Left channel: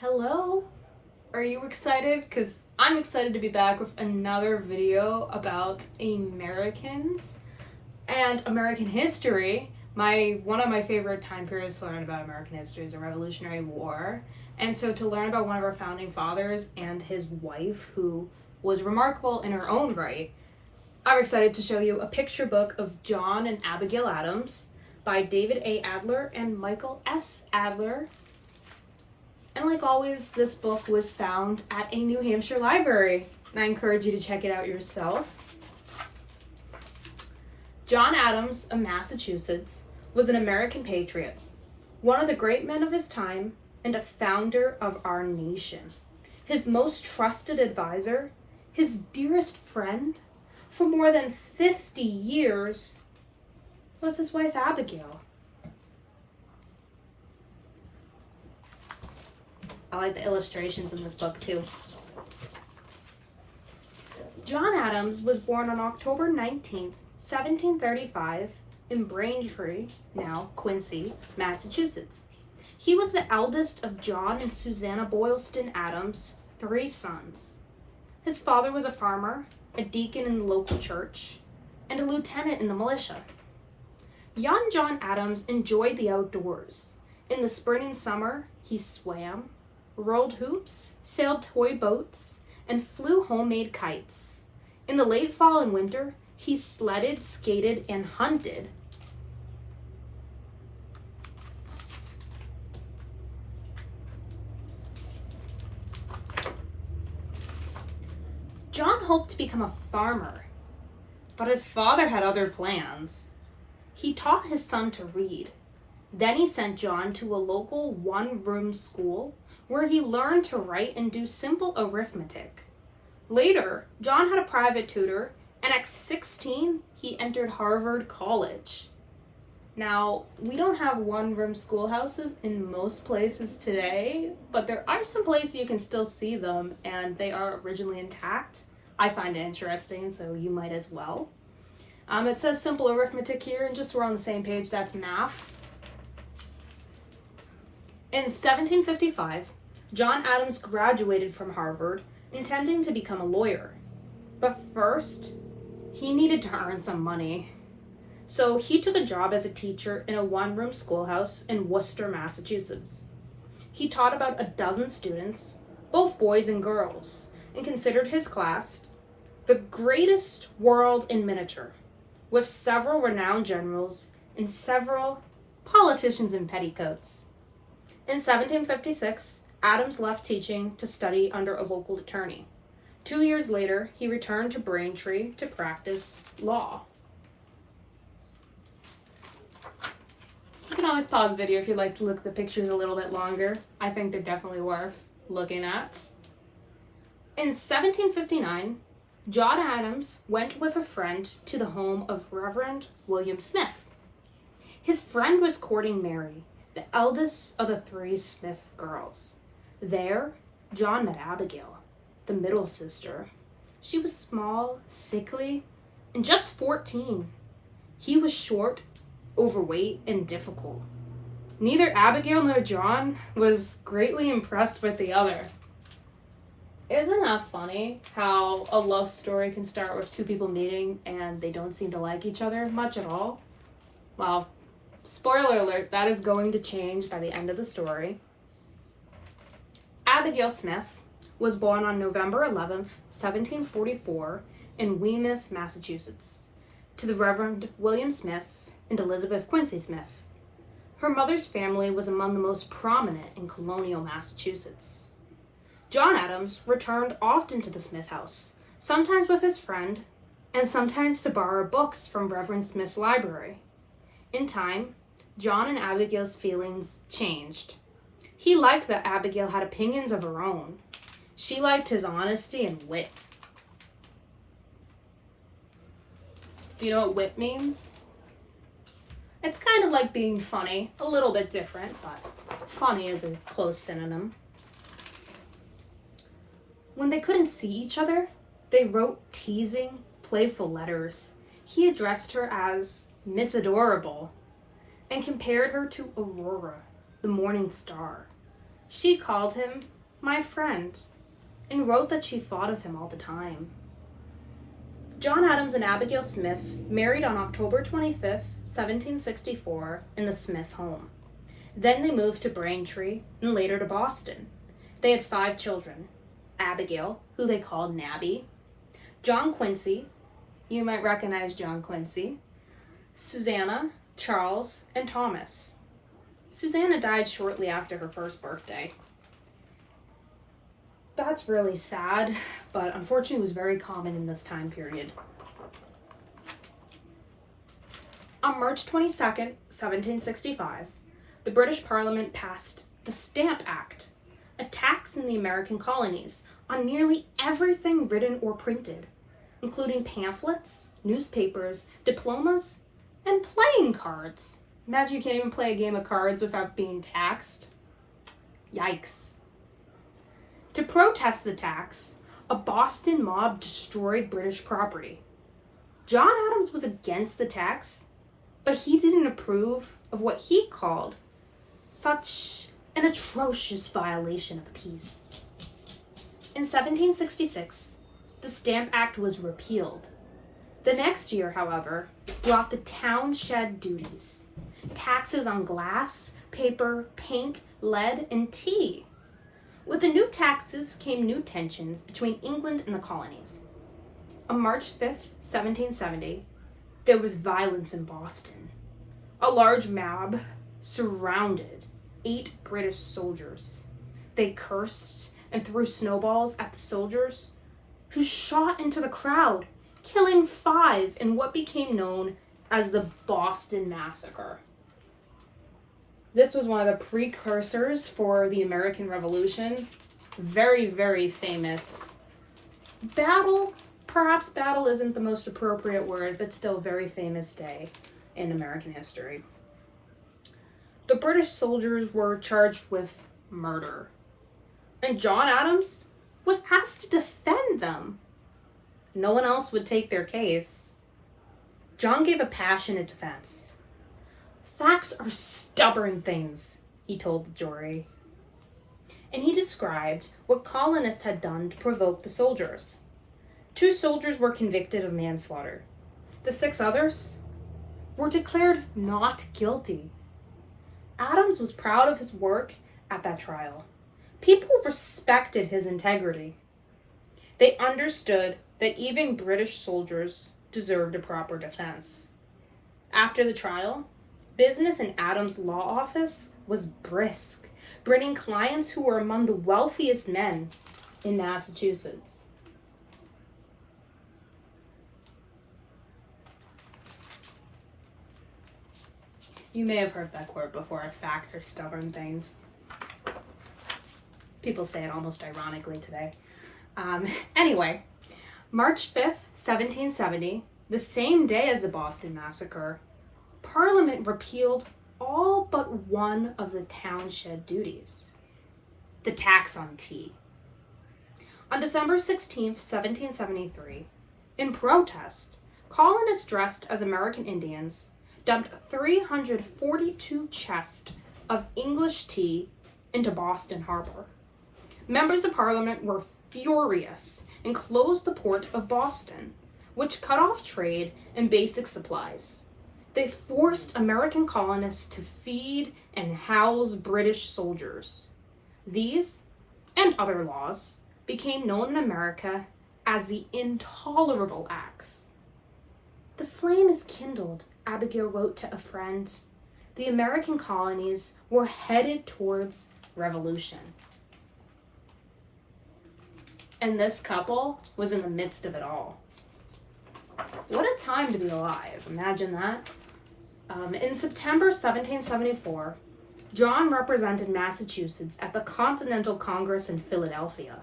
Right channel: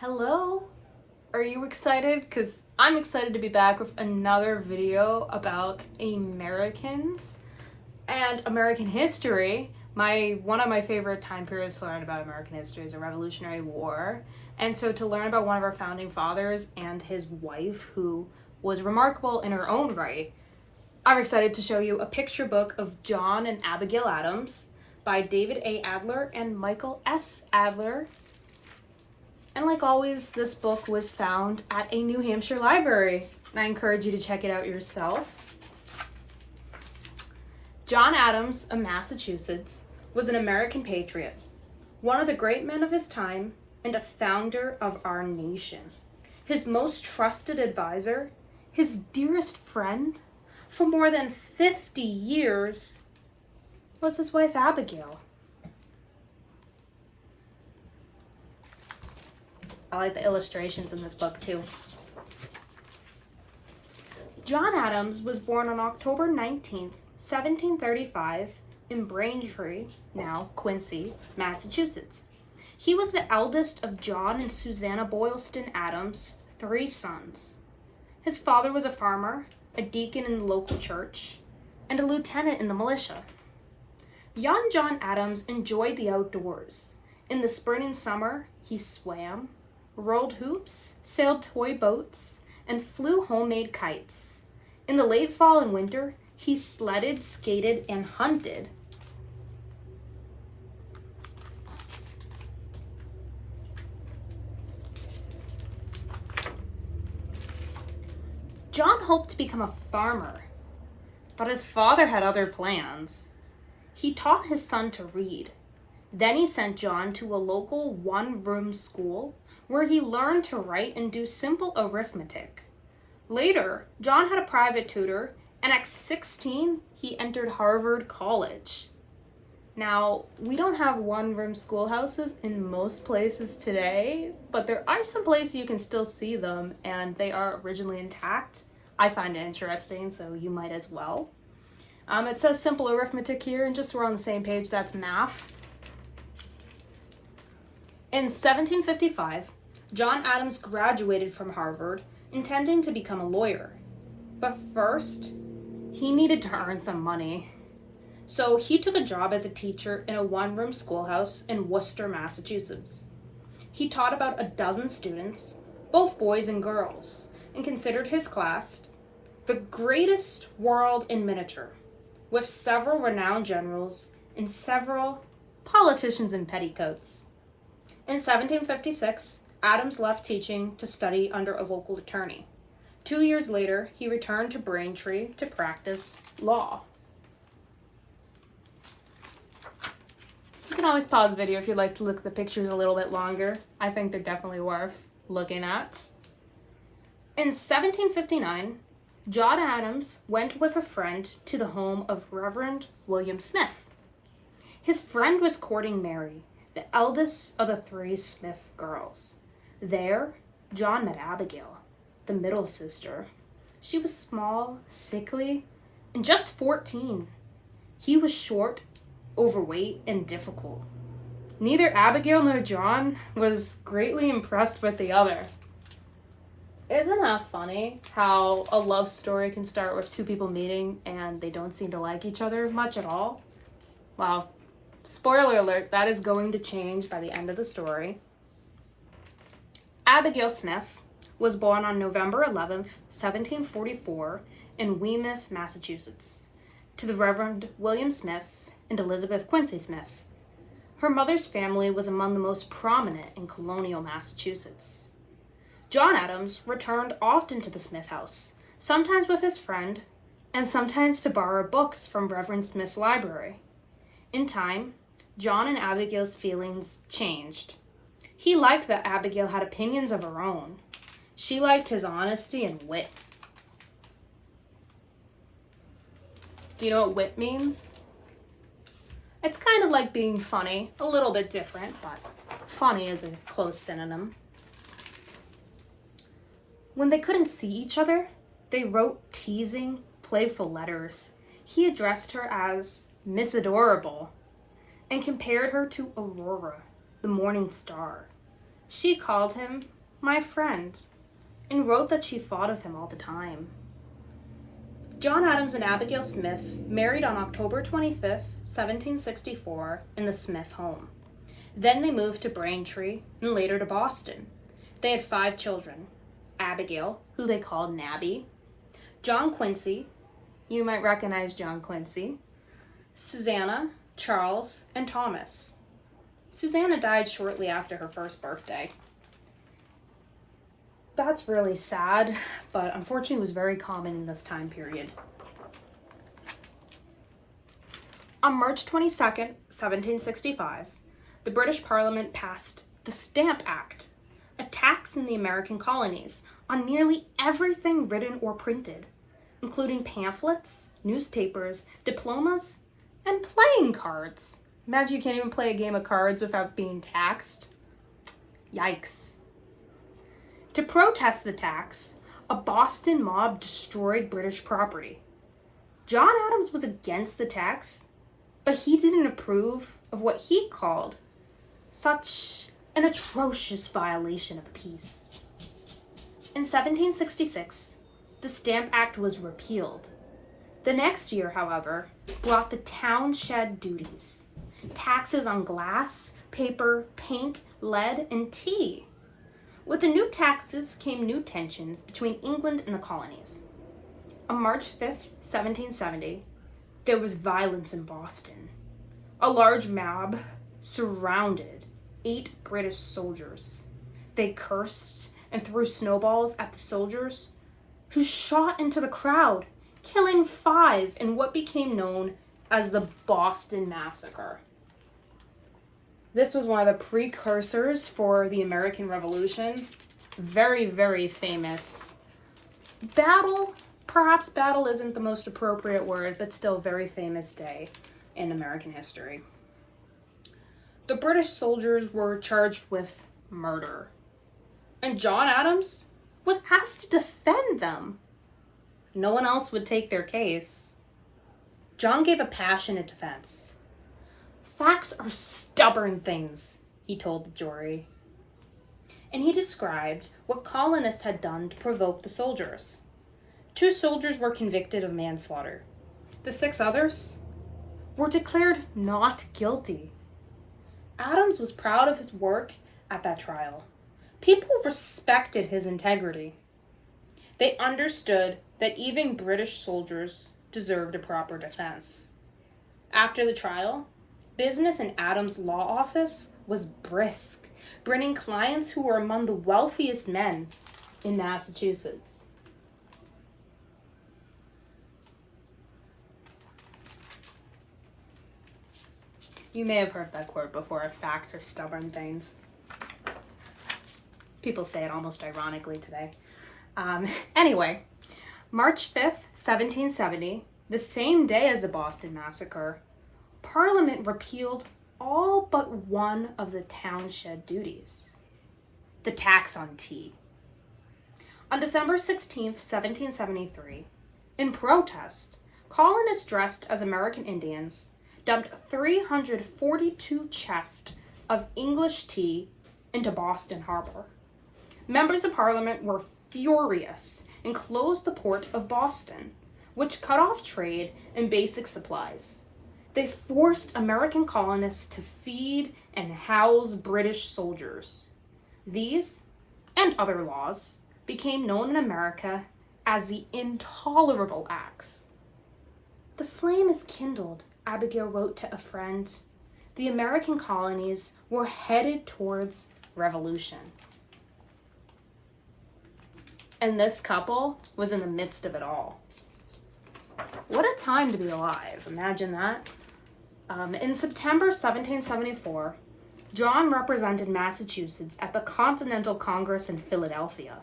Hello? Are you excited? Because I'm excited to be back with another video about Americans and American history. One of my favorite time periods to learn about American history is the Revolutionary War. And so to learn about one of our founding fathers and his wife, who was remarkable in her own right, I'm excited to show you a picture book of John and Abigail Adams by David A. Adler and Michael S. Adler. And like always, this book was found at a New Hampshire library, and I encourage you to check it out yourself. John Adams of Massachusetts was an American patriot, one of the great men of his time, and a founder of our nation. His most trusted advisor, his dearest friend, for more than 50 years, was his wife Abigail. I like the illustrations in this book too. John Adams was born on October 19th, 1735 in Braintree, now Quincy, Massachusetts. He was the eldest of John and Susanna Boylston Adams, 3 sons. His father was a farmer, a deacon in the local church, and a lieutenant in the militia. Young John Adams enjoyed the outdoors. In the spring and summer, he swam, rolled hoops, sailed toy boats, and flew homemade kites. In the late fall and winter, he sledded, skated, and hunted. John hoped to become a farmer, but his father had other plans. He taught his son to read. Then he sent John to a local one-room school where he learned to write and do simple arithmetic. Later, John had a private tutor, and at 16, he entered Harvard College. Now, we don't have one-room schoolhouses in most places today, but there are some places you can still see them, and they are originally intact. I find it interesting, so you might as well. It says simple arithmetic here, and just so we're on the same page, that's math. In 1755, John Adams graduated from Harvard, intending to become a lawyer. But first, he needed to earn some money. So he took a job as a teacher in a one-room schoolhouse in Worcester, Massachusetts. He taught about a dozen students, both boys and girls, and considered his class the greatest world in miniature, with several renowned generals and several politicians in petticoats. In 1756, Adams left teaching to study under a local attorney. 2 years later, he returned to Braintree to practice law. You can always pause the video if you'd like to look at the pictures a little bit longer. I think they're definitely worth looking at. In 1759, John Adams went with a friend to the home of Reverend William Smith. His friend was courting Mary, the eldest of the 3 Smith girls. There, John met Abigail, the middle sister. She was small, sickly, and just 14. He was short, overweight, and difficult. Neither Abigail nor John was greatly impressed with the other. Isn't that funny how a love story can start with 2 people meeting and they don't seem to like each other much at all? Well, spoiler alert, that is going to change by the end of the story. Abigail Smith was born on November 11th, 1744 in Weymouth, Massachusetts, to the Reverend William Smith and Elizabeth Quincy Smith. Her mother's family was among the most prominent in colonial Massachusetts. John Adams returned often to the Smith house, sometimes with his friend, and sometimes to borrow books from Reverend Smith's library. In time, John and Abigail's feelings changed. He liked that Abigail had opinions of her own. She liked his honesty and wit. Do you know what wit means? It's kind of like being funny, a little bit different, but funny is a close synonym. When they couldn't see each other, they wrote teasing, playful letters. He addressed her as Miss Adorable and compared her to Aurora, the morning star. She called him my friend and wrote that she thought of him all the time. John Adams and Abigail Smith married on October 25th, 1764, in the Smith home. Then they moved to Braintree and later to Boston. They had 5 children: Abigail, who they called Nabby, John Quincy, you might recognize John Quincy, Susanna, Charles, and Thomas. Susanna died shortly after her first birthday. That's really sad, but unfortunately it was very common in this time period. On March 22nd, 1765, the British Parliament passed the Stamp Act, a tax in the American colonies on nearly everything written or printed, including pamphlets, newspapers, diplomas, and playing cards. Imagine you can't even play a game of cards without being taxed. Yikes. To protest the tax, a Boston mob destroyed British property. John Adams was against the tax, but he didn't approve of what he called such an atrocious violation of the peace. In 1766, the Stamp Act was repealed. The next year, however, brought the townshed duties, taxes on glass, paper, paint, lead, and tea. With the new taxes came new tensions between England and the colonies. On March 5th, 1770, there was violence in Boston. A large mob surrounded 8 British soldiers. They cursed and threw snowballs at the soldiers, who shot into the crowd, killing 5 in what became known as the Boston Massacre. This was one of the precursors for the American Revolution. Very, very famous battle. Perhaps battle isn't the most appropriate word, but still very famous day in American history. The British soldiers were charged with murder, and John Adams was asked to defend them. No one else would take their case. John gave a passionate defense. "Facts are stubborn things," he told the jury. And he described what colonists had done to provoke the soldiers. 2 soldiers were convicted of manslaughter. The 6 others were declared not guilty. Adams was proud of his work at that trial. People respected his integrity. They understood that even British soldiers deserved a proper defense. After the trial, business in Adams' law office was brisk, bringing clients who were among the wealthiest men in Massachusetts. You may have heard that quote before: "Facts are stubborn things." People say it almost ironically today. Anyway, March 5th, 1770, the same day as the Boston Massacre, Parliament repealed all but one of the townshed duties: the tax on tea. On December 16th, 1773, in protest, colonists dressed as American Indians dumped 342 chests of English tea into Boston Harbor. Members of Parliament were furious and closed the port of Boston, which cut off trade and basic supplies. They forced American colonists to feed and house British soldiers. These, and other laws, became known in America as the Intolerable Acts. "The flame is kindled," Abigail wrote to a friend. The American colonies were headed towards revolution. And this couple was in the midst of it all. What a time to be alive. Imagine that. In September 1774, John represented Massachusetts at the Continental Congress in Philadelphia.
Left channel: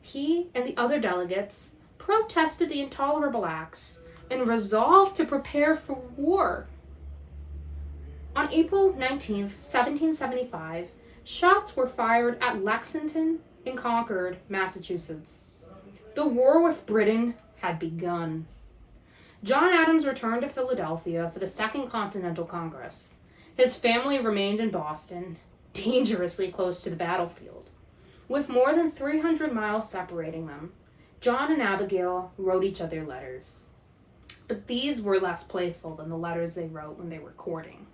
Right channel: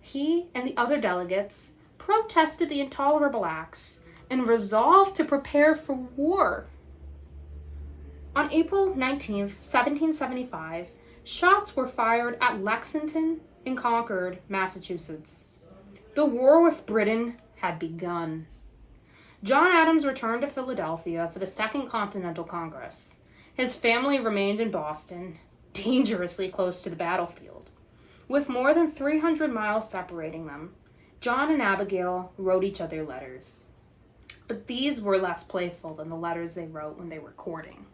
He and the other delegates protested the Intolerable Acts and resolved to prepare for war. On April 19th, 1775, shots were fired at Lexington in Concord, Massachusetts. The war with Britain had begun. John Adams returned to Philadelphia for the Second Continental Congress. His family remained in Boston, dangerously close to the battlefield. With more than 300 miles separating them, John and Abigail wrote each other letters. But these were less playful than the letters they wrote when they were courting.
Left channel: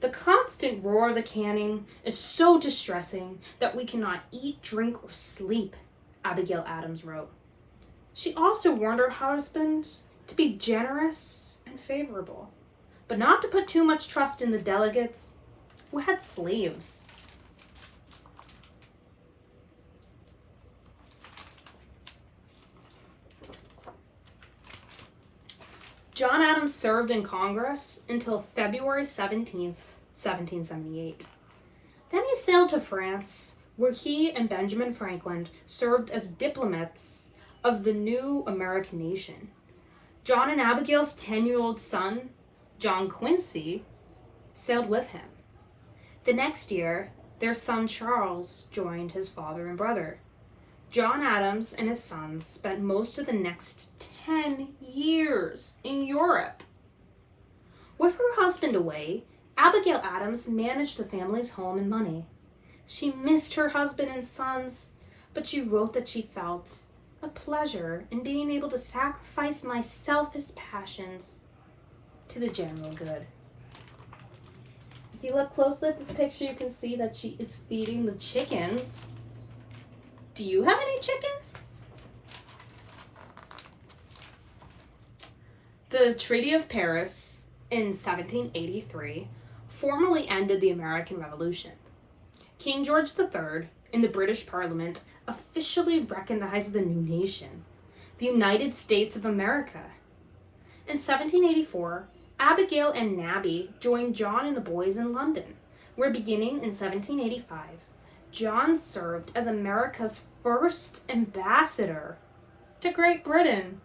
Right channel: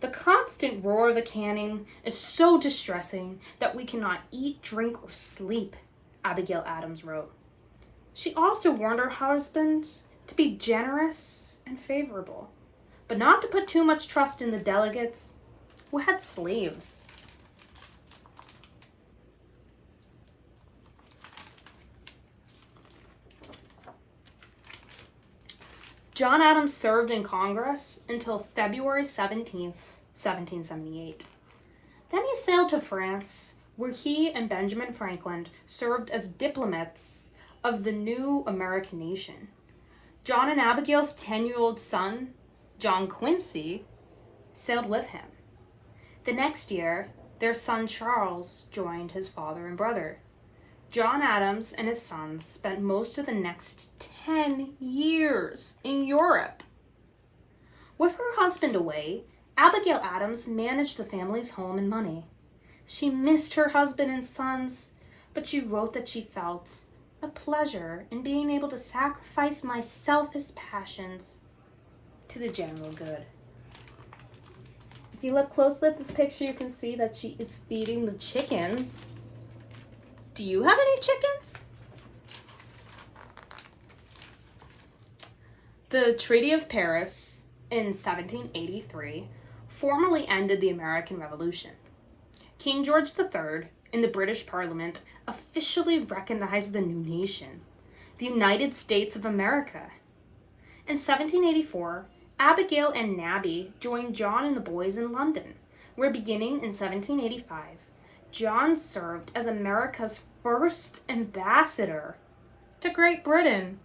The constant roar of the cannon is so distressing that we cannot eat, drink, or sleep, Abigail Adams wrote. She also warned her husband to be generous and favorable, but not to put too much trust in the delegates who had slaves. John Adams served in Congress until February 17th, 1778. Then he sailed to France, where he and Benjamin Franklin served as diplomats of the new American nation. John and Abigail's 10-year-old son, John Quincy, sailed with him. The next year, their son Charles joined his father and brother. John Adams and his sons spent most of the next 10 years in Europe. With her husband away, Abigail Adams managed the family's home and money. She missed her husband and sons, but she wrote that she felt a pleasure in being able to sacrifice my selfish passions to the general good. If you look closely at this picture, you can see that she is feeding the chickens. Do you have any chickens? The Treaty of Paris in 1783 formally ended the American Revolution. King George III in the British Parliament officially recognized the new nation, the United States of America. In 1784, Abigail and Nabby joined John and the boys in London, where beginning in 1785, John served as America's first ambassador to Great Britain.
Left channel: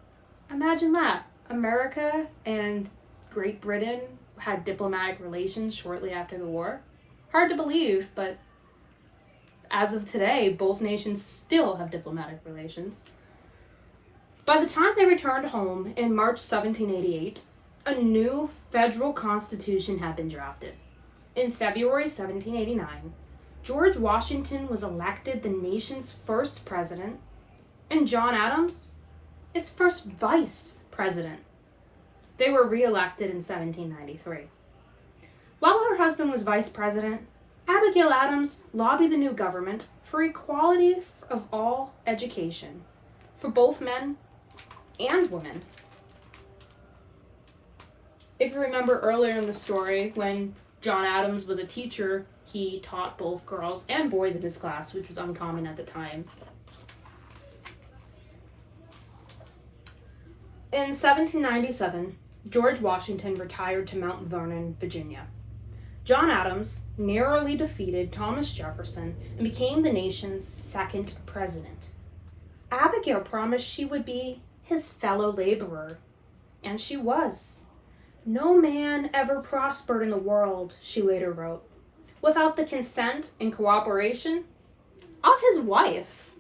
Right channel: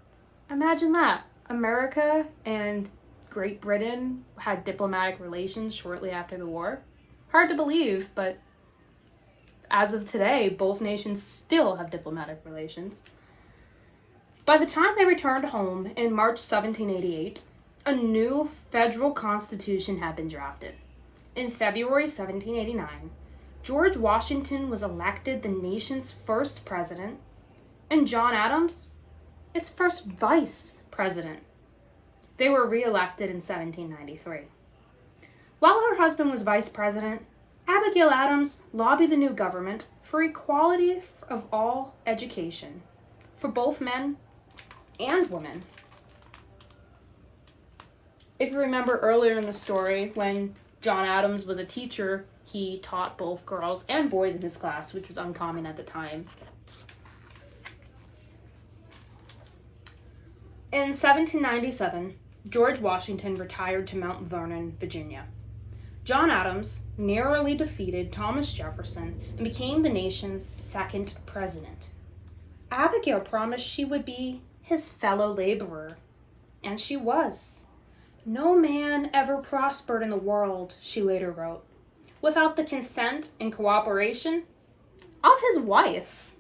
Imagine that. America and Great Britain had diplomatic relations shortly after the war. Hard to believe, but as of today, both nations still have diplomatic relations. By the time they returned home in March 1788, a new federal constitution had been drafted. In February 1789, George Washington was elected the nation's first president, and John Adams, its first vice president. They were re-elected in 1793. While her husband was vice president, Abigail Adams lobbied the new government for equality of all education for both men and women. If you remember earlier in the story, when John Adams was a teacher, he taught both girls and boys in his class, which was uncommon at the time. In 1797, George Washington retired to Mount Vernon, Virginia. John Adams narrowly defeated Thomas Jefferson and became the nation's second president. Abigail promised she would be his fellow laborer, and she was. No man ever prospered in the world, she later wrote, without the consent and cooperation of his wife.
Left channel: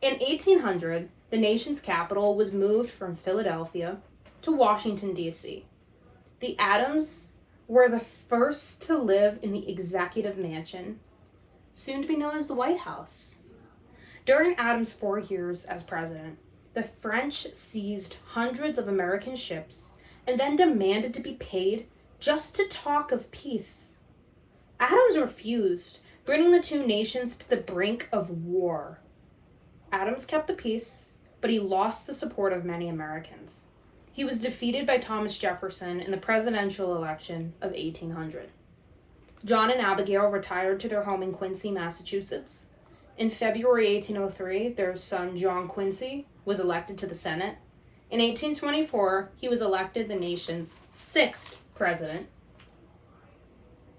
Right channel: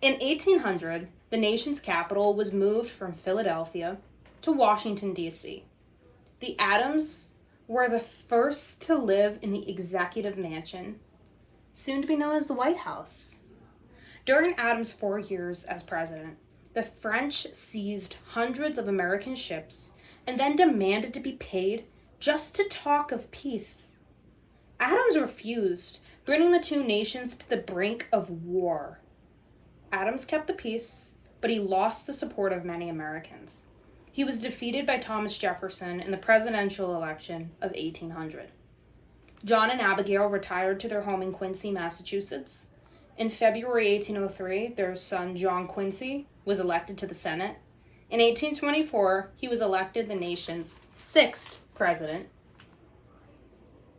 In 1800, the nation's capital was moved from Philadelphia to Washington, D.C. The Adams were the first to live in the executive mansion, soon to be known as the White House. During Adams' 4 years as president, the French seized hundreds of American ships and then demanded to be paid just to talk of peace. Adams refused, bringing the two nations to the brink of war. Adams kept the peace, but he lost the support of many Americans. He was defeated by Thomas Jefferson in the presidential election of 1800. John and Abigail retired to their home in Quincy, Massachusetts. In February 1803, their son John Quincy was elected to the Senate. In 1824, he was elected the nation's 6th president.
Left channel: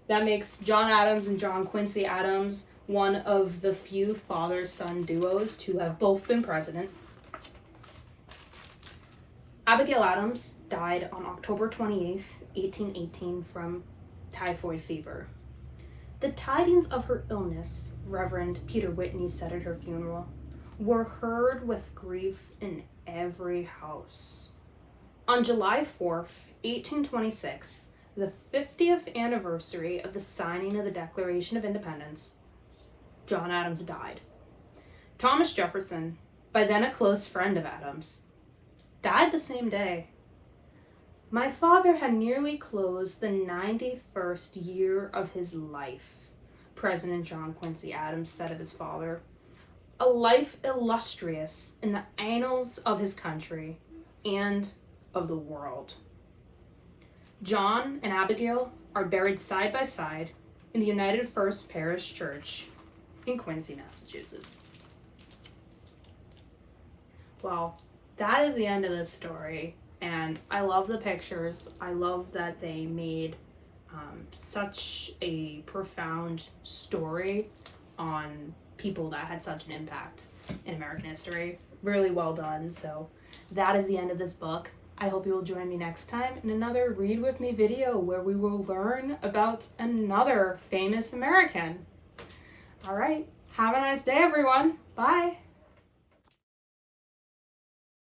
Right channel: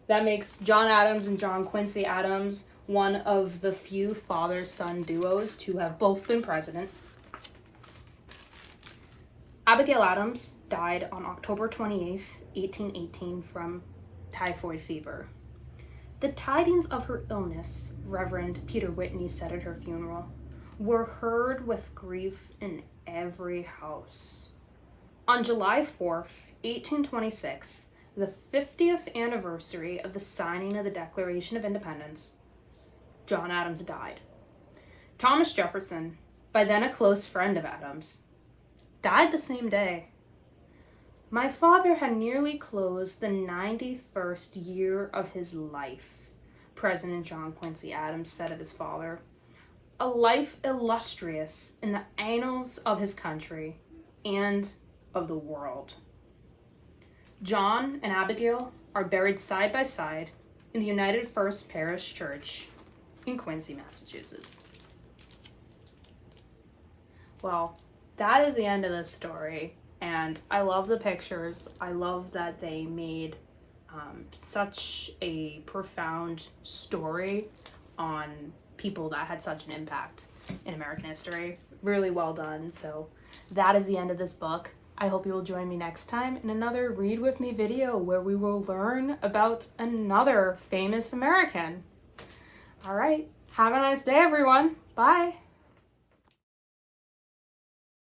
That makes John Adams and John Quincy Adams one of the few father-son duos to have both been president. Abigail Adams died on October 28, 1818, from typhoid fever. The tidings of her illness, Reverend Peter Whitney said at her funeral, were heard with grief in every house. On July 4th, 1826, the 50th anniversary of the signing of the Declaration of Independence, John Adams died. Thomas Jefferson, by then a close friend of Adams, died the same day. My father had nearly closed the 91st year of his life, President John Quincy Adams said of his father. A life illustrious in the annals of his country and of the world. John and Abigail are buried side by side in the United First Parish Church in Quincy, Massachusetts. Well, that is the end of this story, and I love the pictures. I love that they made such a profound story on people that had such an impact in American history. Really well done. So that is the end of this book. I hope you will join me next time in another Read With Me video where we will learn about another famous American. All right. Have a nice day, everyone. Bye.